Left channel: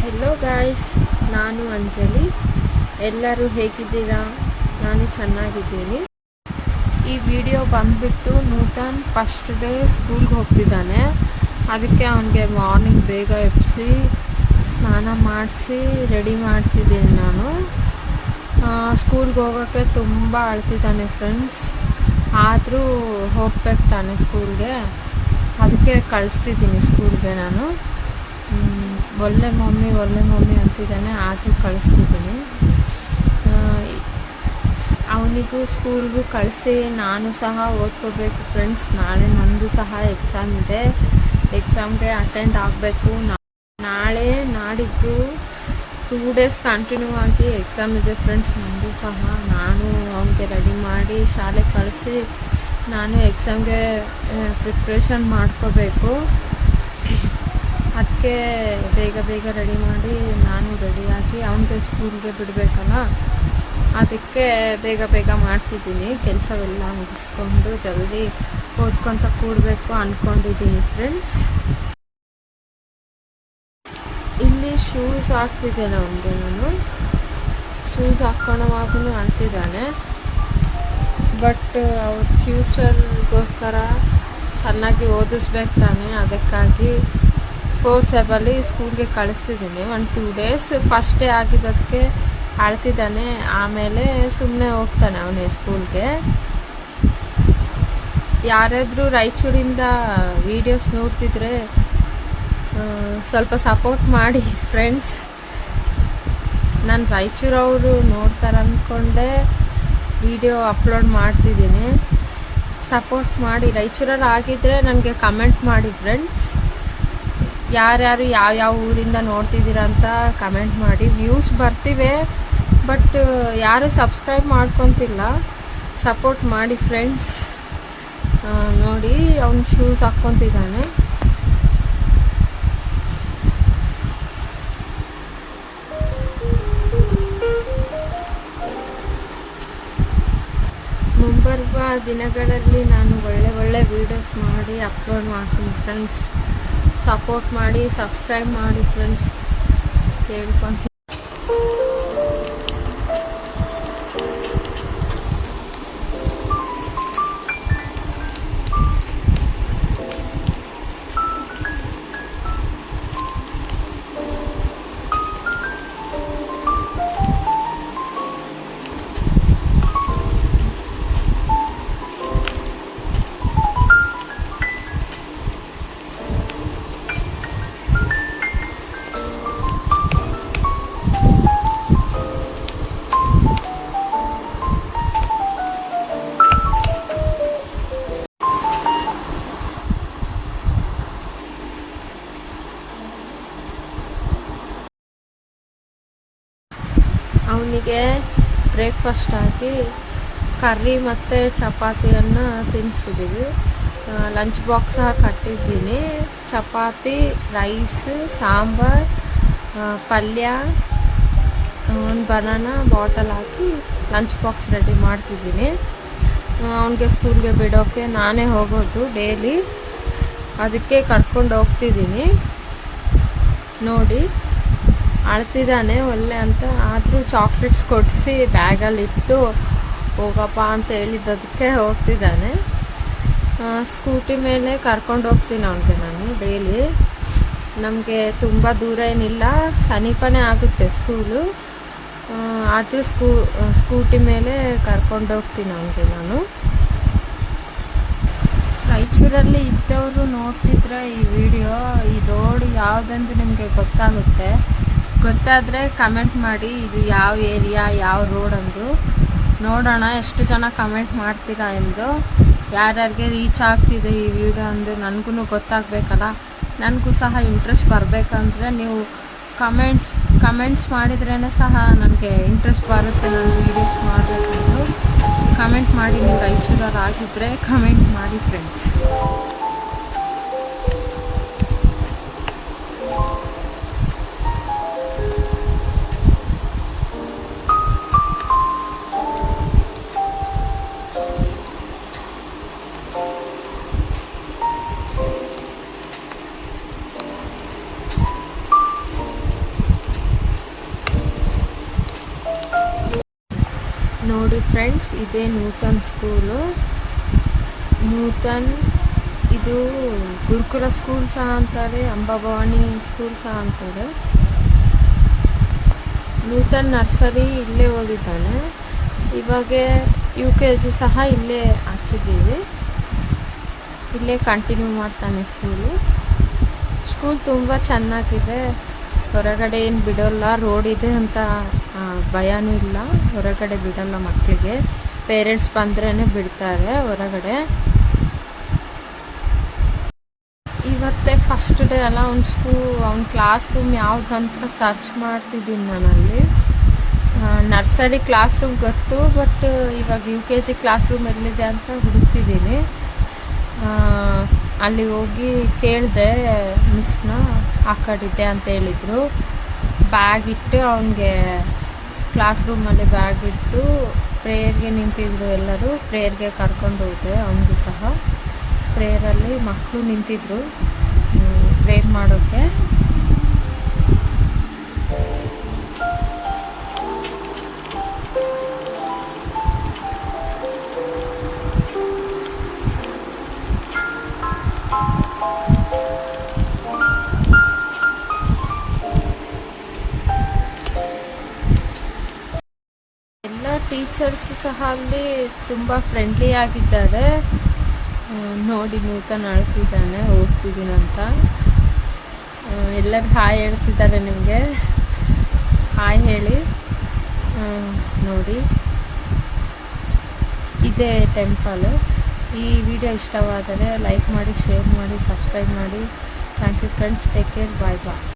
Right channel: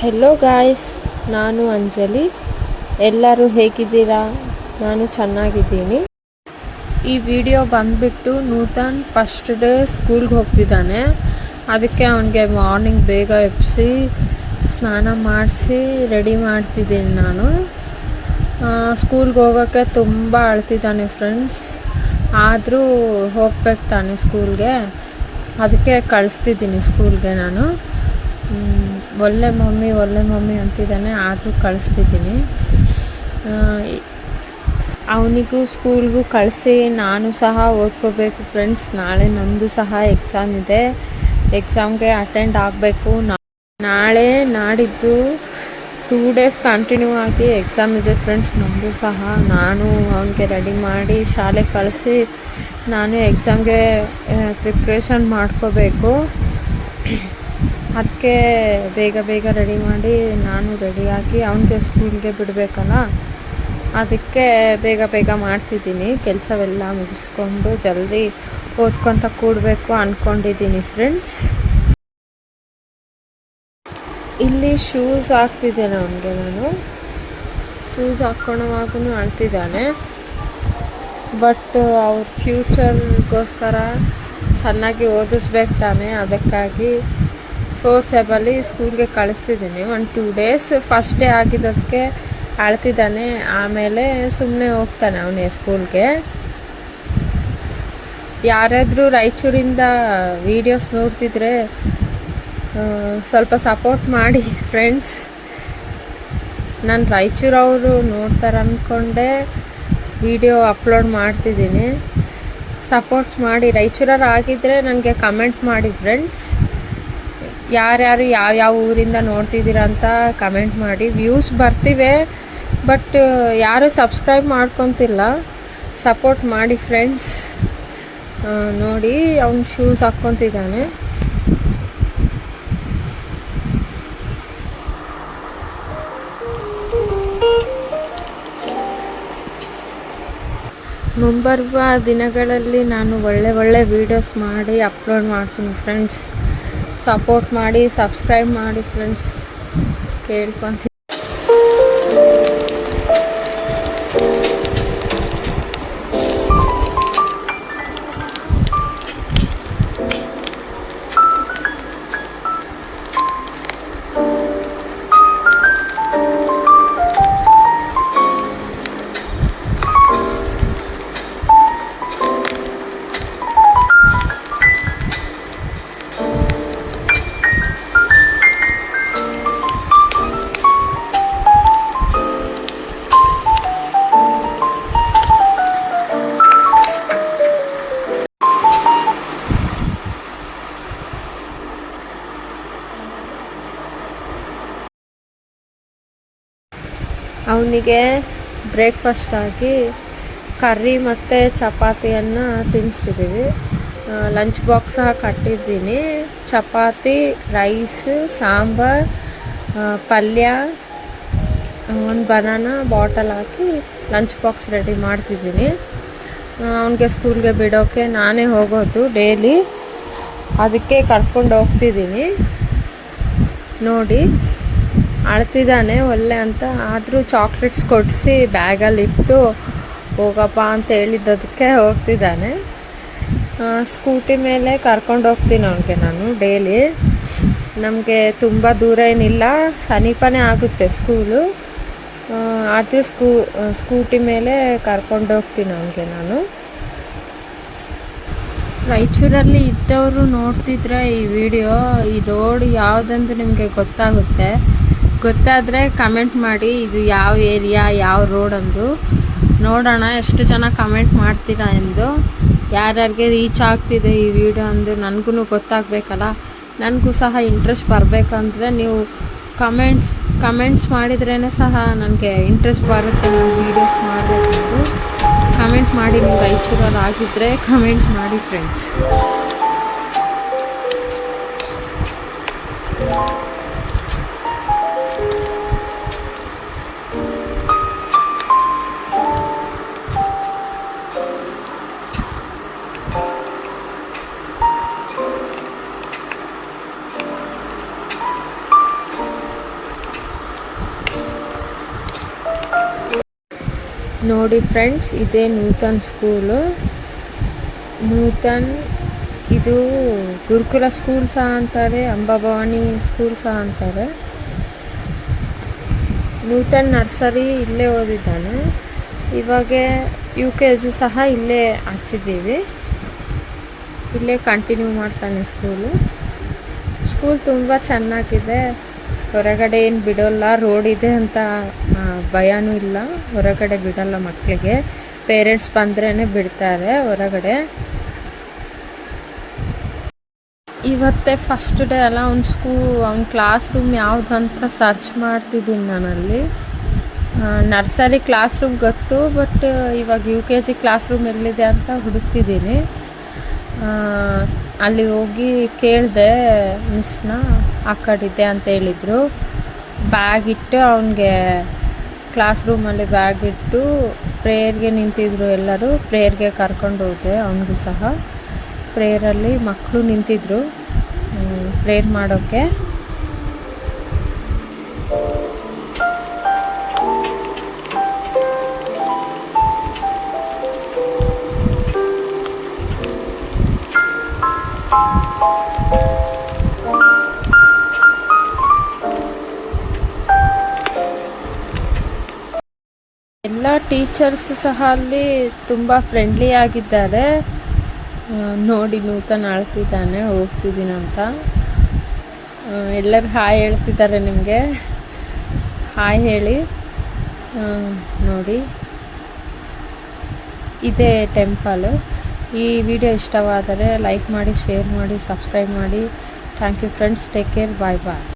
Hello guys, ನಾನು ಅಂಜಲಿ. ಎಲ್ಲರೂ ಹೇಗಿದ್ದೀರಾ? ನಾನು ಚೆನ್ನಾಗಿದ್ದೀನಿ. ಈ ವಿಡಿಯೋ ಬಂದ್ಬಿಟ್ಟು ನೂತನ್ ಫಸ್ಟ್ ಡೇ ಸ್ಕೂಲ್ಗೆ ಹೋಗ್ತಿದ್ದಾನೆ. ಅದಕ್ಕೆ ಅವನಿಗೆ ಮಾರ್ನಿಂಗ್ ಬೇಗ ಎಬ್ಬಿಸಿ ಸ್ನಾನ ಮಾಡಿಸಿ ರೆಡಿ ಮಾಡ್ತಿದ್ದೀನಿ ನಾನು. ಸ್ಕೂಲ್ಗೆ ಹೋಗೋಕ್ಕೆ ತುಂಬ ಅಳ್ತಿದ್ದಾನೆ ಫ್ರೆಂಡ್ಸ್. ಆದರೂ ಹೋಗ್ಬೇಕು ತಾನೆ ಸ್ಕೂಲ್ಗೆ, ಅದಕ್ಕೆ ಕಳಿಸ್ತಿದ್ದೀನಿ ಸ್ಕೂಲ್ಗೆ ನಾನು. ಒಳ್ಳೆ ಮಮ್ಮಿ ಅಂತಿದ್ದಾನೆ, ಆದರೂ ಕಳಿಸ್ತಿದ್ದೀನಿ. ಅವನಿಗೂ ಸ್ಕೂಲ್ಗೂ ಕಳಿಸಿ ನಾನು ಸಹ ಓದ್ಕೋಬೇಕು ಫ್ರೆಂಡ್ಸ್. ನಾಳೆ ನಂದು ಸಹ ಎಕ್ಸಾಮ್ ಇದೆ. ಎಕ್ಸಾಮ್ಗೆ ಅಟೆಂಡ್ ಆಗಬೇಕು. ನಾಳೆ ನಾಡಿದ್ದು 2 ಡೇಸ್ ಕಂಟಿನ್ಯೂ ಆಗಿ ಎಕ್ಸಾಮ್ ಇದೆ ಫ್ರೆಂಡ್ಸ್. ನಂದು ಸಹ. ನಾನು ಅವನಿಗೆ ರೆಡಿ ಮಾಡಿ ಶಾಲೆಗೆ ಕಳಿಸಿ ನಾನು ಎಕ್ಸಾಮ್ಗೆ ಪ್ರಿಪ್ರೇಷನ್ ಮಾಡ್ಕೋಬೇಕು. ಅದಕ್ಕೆ ಬೇಗ ರೆಡಿ ಮಾಡಿ ನಾನು ರೆಡಿಯಾಗಿ ಅವನಿಗೆ ಸ್ಕೂಲ್ಗೆ ಬಿಡಬೇಕಲ್ಲ, ಅದಕ್ಕೆ ಬೇಗ ಮಾಡ್ತಿದ್ದೀನಿ. ಕೆಲಸವೆಲ್ಲ ಮುಗಿಸ್ಕೊಂಡು ಜಲ್ದಿ ಓದ್ಕೊತ ಕೂಡಬೇಕು ಅಂದ್ಕೊಂಡಿದ್ದೀನಿ ಫ್ರೆಂಡ್ಸ್. ಇಲ್ಲಿ ಶೂಸ್ ಹಾಕ್ತಿದ್ದೇನೆ ಅವನಿಗೆ ನಾನು. ಶೂಸ್ ಹಾಕ್ಕೊಳ್ಳೋವಾಗೂ ಅಳ್ತಿದ್ದಾನೆ. ಬಟ್ ಅವ್ರ ಫ್ಯೂಚರ್ಗೋಸ್ಕರ ಚೆನ್ನಾಗಿ ಓದಿಸ್ಬೇಕು ತಾನೆ, ಅದಕ್ಕಾಗಿ ಫೋರ್ಸೇಬಲಿ ಸ್ಕೂಲ್ಗೆ ಕಳಿಸ್ತಿದ್ದೀನಿ. 1-2 ಡೇಸ್ ಫಸ್ಟ್ ಡೇ ಆಗಿದ್ದಕ್ಕೆ ಅಳ್ತಿದ್ದಾನೆ. ಆಮೇಲೆ ಸುಮ್ಮನೆ ಹೋಗ್ತಾನೆ ಅವನೇ ಸ್ಕೂಲ್ಗೆ. ಯಾರಾದರೂ ರಾಯಚೂರಿಂದ ವೀಡಿಯೋಸ್ ನೋಡ್ತಿದ್ರೆ ಸ್ವಲ್ಪ ಸಪೋರ್ಟ್ ಮಾಡಿ ಫ್ರೆಂಡ್ಸ್. ನಾನು ರಾಯಚೂರವರು ನೋಡ್ತಾರೆ ಅಂದ್ಕೊಂಡೆ ವಿಡಿಯೋ ಅಪ್ಲೋಡ್ ಮಾಡ್ತಿದ್ದೀನಿ. ಸಪೋರ್ಟ್ ಮಾಡಿ. ರಾಯಚೂರವ್ರು ಆಗಿದ್ದರೆ ನನಗೆ ಕಮೆಂಟ್ ಮಾಡಿ ಫ್ರೆಂಡ್ಸ್. ಯಾರ್ಯಾರು ಯಾವ ಊರಿಂದ ನೋಡ್ತಿದ್ದೀರಾ ಅಂತ ಕಮೆಂಟ್ ಮಾಡಿ. ವ್ಯೂಸ್ ಬರ್ತಿವೆ, ಬಟ್ ಯಾರು ಸಬ್ಸ್ಕ್ರೈಬ್ ಮಾಡ್ಕೊತಿಲ್ಲ. ಸಪೋರ್ಟ್ ಮಾಡಿ ಫ್ರೆಂಡ್ಸ್. ನೋಡಿ, ಅವ್ನು ಶೂಸ್ ಹಾಕ್ಕೊತಿದ್ದಾನೆ. ಮುಂಬರುವ ದಿನಗಳಲ್ಲಿ ನಾನು ಒಳ್ಳೆ ವೀಡಿಯೋಸ್ ಮಾಡಿ ಅಪ್ಲೋಡ್ ಮಾಡ್ತೀನಿ ಫ್ರೆಂಡ್ಸ್. ಸಪೋರ್ಟ್ ಮಾಡಿ, ಸಬ್ಸ್ಕ್ರೈಬ್ ಮಾಡಿ ಫ್ರೆಂಡ್ಸ್, ಕೇಳ್ಕೊತೀನಿ. ಅವನಿಗೆ ಬ್ರೇಕ್ಫಾಸ್ಟ್ ಆಗಿ ಕರ್ರಿ ಮತ್ತು ಚಪಾತಿಯನ್ನು ತಿನ್ನಿಸ್ತಿದ್ದೀವಿ. ಲಂಚ್ ಬಾಕ್ಸ್ ಸಹ ಕಟ್ಟಿದ್ದೀನಿ. ಚಪಾತಿ, ರೈಸ್, ಸಾಂಬಾರು, ಪಲ್ಯ, ಒಂದು ಬನಾನಾ ಬಾಟಲ್ ಹಾಕಿ ಲಂಚ್ ಬಾಕ್ಸ್ ರೆಡಿ ಮಾಡ್ತಿದ್ದೀನಿ. ಅವನಿಗೆ ಸ್ಕೂಲ್ಗೆ ಬಿಡೋಕ್ಕೆ ನಾನೇ ಹೋಗೋದು ಡೈಲಿ, ಅದಕ್ಕೆ ಕರ್ಕೊಂಡು ಹೋಗ್ತಿದ್ದೀನಿ. ನೋಡಿ, ಅಳ್ತಿದ್ದಾನೆ ಒಳ್ಳೆ ಅಂತ. ಆದರೂ ಚಾಕ್ಲೇಟ್ಸ್ ಕೊಡಿಸಿ ಬ್ಯಾಗಲ್ಲಿಟ್ಟು ಹೋಗಪ್ಪ ಅಂತ ಹೇಳಿದ್ದದಕ್ಕೆ ಹೋಗ್ತಿದ್ದಾನೆ. ಸ್ಕೂಟಿ ಮೇಲೆ ಕರ್ಕೊಂಡು ಹೋಗ್ತೀನಿ ಅವನಿಗೆ ನಾನು ಡೈಲಿ. ನಮಗೆ ತುಂಬ ದೂರ ಏನಿಲ್ಲ, ಸಮೀಪನೇ ಆಗುತ್ತೆ ಸ್ಕೂಲು. ಆದರೂ ಸ್ಕೂಟಿ ಮೇಲೆ ಕರ್ಕೊಂಡು ಹೋಗ್ತೀನಿ ಅವನಿಗೆ ನಾನು. ರಾಯಚೂರಲ್ಲಿ ಇದ್ದವರು ನೋಡ್ತಿದ್ರೆ ಈ ವಿಡಿಯೋ, ಈ ರೋಡ್ ಯಾವುದಂತ ನಿಮಗೆ ಗೊತ್ತಾದರೆ ಕಮೆಂಟ್ ಮಾಡಿ. ಇದು ಯಾವ ಏರಿಯಾ, ಯಾವ ರೋಡ್ ಅಂದು ನೋಡೋಣ. ಎಷ್ಟು ಜನ ಕಮೆಂಟ್ ಮಾಡ್ತೀರಾ ಎಂದು, ಯಾರ್ಯಾರಿಗೆ ರೀಚ್ ಆಗ್ತಿದೆ ಈ ವಿಡಿಯೋ ಅಂದು ನನಗೂ ಗೊತ್ತಾಗಬೇಕಲ್ಲ. ನನಗೂ ಸಹ ಇಂಟ್ರೆಸ್ಟ್ ಬರಬೇಕಂದ್ರೆ ನೀವು ಕಮೆಂಟ್ಸ್ ಮಾಡಿದ್ರೇ ಸಹ ನನಗೆ ಇಂಟ್ರೆಸ್ಟ್ ಬರುತ್ತೆ ನಾನು ವೀಡಿಯೋಸ್ ಮಾಡಬೇಕಂದು. ಕಮೆಂಟ್ ಮಾಡಿ. ನೀವು ರಾಯಚೂರಲ್ಲಿ ಆಗಿದ್ದರೆ ಕಮೆಂಟ್ ಮಾಡಿ ಫ್ರೆಂಡ್ಸ್. ನೋಡಿ ಫ್ರೆಂಡ್ಸ್, ಇದೇ ನೂತನ್ ಸ್ಕೂಲು. ನೂತನ್ ಇದು ಗುರುಕುಲ ಸ್ಕೂಲ್ ಸಹ ಅಂತಾರೆ, ಅಂಬಾಭವಾನಿ ಸ್ಕೂಲ್ ಸಹ ಅಂತಾರೆ. ನೂತನ್ ನರ್ಸರಿ ಇಲ್ಲೇ ಓದಿದ್ದಾನೆ. ಇವಾಗ UKG ಸಹ ಇಲ್ಲೇ ಹಚ್ಚಿದ್ದೀವಿ. ಇಲ್ಲೇ ಕಂಟಿನ್ಯೂ ಮಾಡ್ತಾನೆ ಸ್ಕೂಲ್ ತುಂಬ ಚೆನ್ನಾಗಿದೆ. ಹೊರಗಡೆ ಏನು ಬಿಡೋಲ್ಲ, ರೋಡ್ ಇದೆ ಅಂತ ಭಯನೂ ಇಲ್ಲ. ಹೊರಗಡೆ ಬಿಡಲ್ಲ ಮಕ್ಕಳಿಗೆ, ಪೇರೆಂಟ್ಸ್ ಬಂದ್ರೇ ಬಿಡ್ತಾರೆ ಹೊರಗಡೆ. ಇವತ್ತೇ ಫಸ್ಟ್ ಡೇ ಅಲ್ಲ, ಅವ್ನ ಕ್ಲಾಸ್ ರೂಮ್ ಯಾವುದಂತ ಸರ್ಚ್ ಮಾಡ್ತಿದ್ದೀನಿ ನಾನಲ್ಲಿ. ನರ್ಸರಿ ಕ್ಲಾಸ್ ರೂಮ್ ಗೊತ್ತು, ಬಟ್ ಇವಾಗ UKG ಕ್ಲಾಸ್ ರೂಮ್ ಎಲ್ಲಿದೆ ಅಂತ ಹುಡುಕ್ತಿದ್ದೀನಿ. ಅಲ್ಲಿ ಹೋಗಿ ಕೇಳಿದೆ ಮಿಸ್ನ, ಆ ಕಡಿದೆ ಅಂತ ಹೇಳಿದರು. ಬ್ಯಾಗ್ ಇಟ್ಟು ಅವನಿಗೆ ಕ್ಲಾಸ್ ರೂಮಲ್ಲಿ ಬ್ಯಾಗ್ ಇಟ್ಟು ಪ್ರೇಯರ್ಗೆ ನಿಂತಿದ್ರು. ಎಲ್ಲರೂ ಪ್ರೇಯರ್ಗೆ ಕರ್ಕೊಂಡು ಹೋದೆ. ಅವನಿಗೂ ಸಹ ಪ್ರೇಯರಲ್ಲಿ ಮಕ್ಕಳು ನಿಂತಿದ್ರು ಪ್ರೇಯರ್ ಮಾಡೋಕ್ಕೆ. ಎಲ್ಲ ಟೀಚರ್ಸ್ ಸಹ ಅಲ್ಲಿ ತುಂಬ ಫ್ರೆಂಡ್ಲಿ ಆಗಿದ್ದಾರೆ. ನೋಡಿ ನೂತನ್ ಅಳ್ತಿದ್ದಾನೆ, ಹೋಗ್ತಿದ್ದೀನಂತ. ಎಲ್ಲರೂ ಹಾಯ್ ಹೇಳ್ತಿದ್ದಾರೆ. ನಿಮಗೆ ಹಾಯ್ ಹೇಳಿ. ನೋಡಿ, ಇದೇ ಟೆಂಪಲ್. ಈ ವಿಡಿಯೋ ಇಷ್ಟವಾದರೆ ಲೈಕ್ ಮಾಡಿ, ಶೇರ್ ಮಾಡಿ, ಸಬ್ಸ್ಕ್ರೈಬ್ ಮಾಡಿ. Thank you friends. Take care. Bye bye.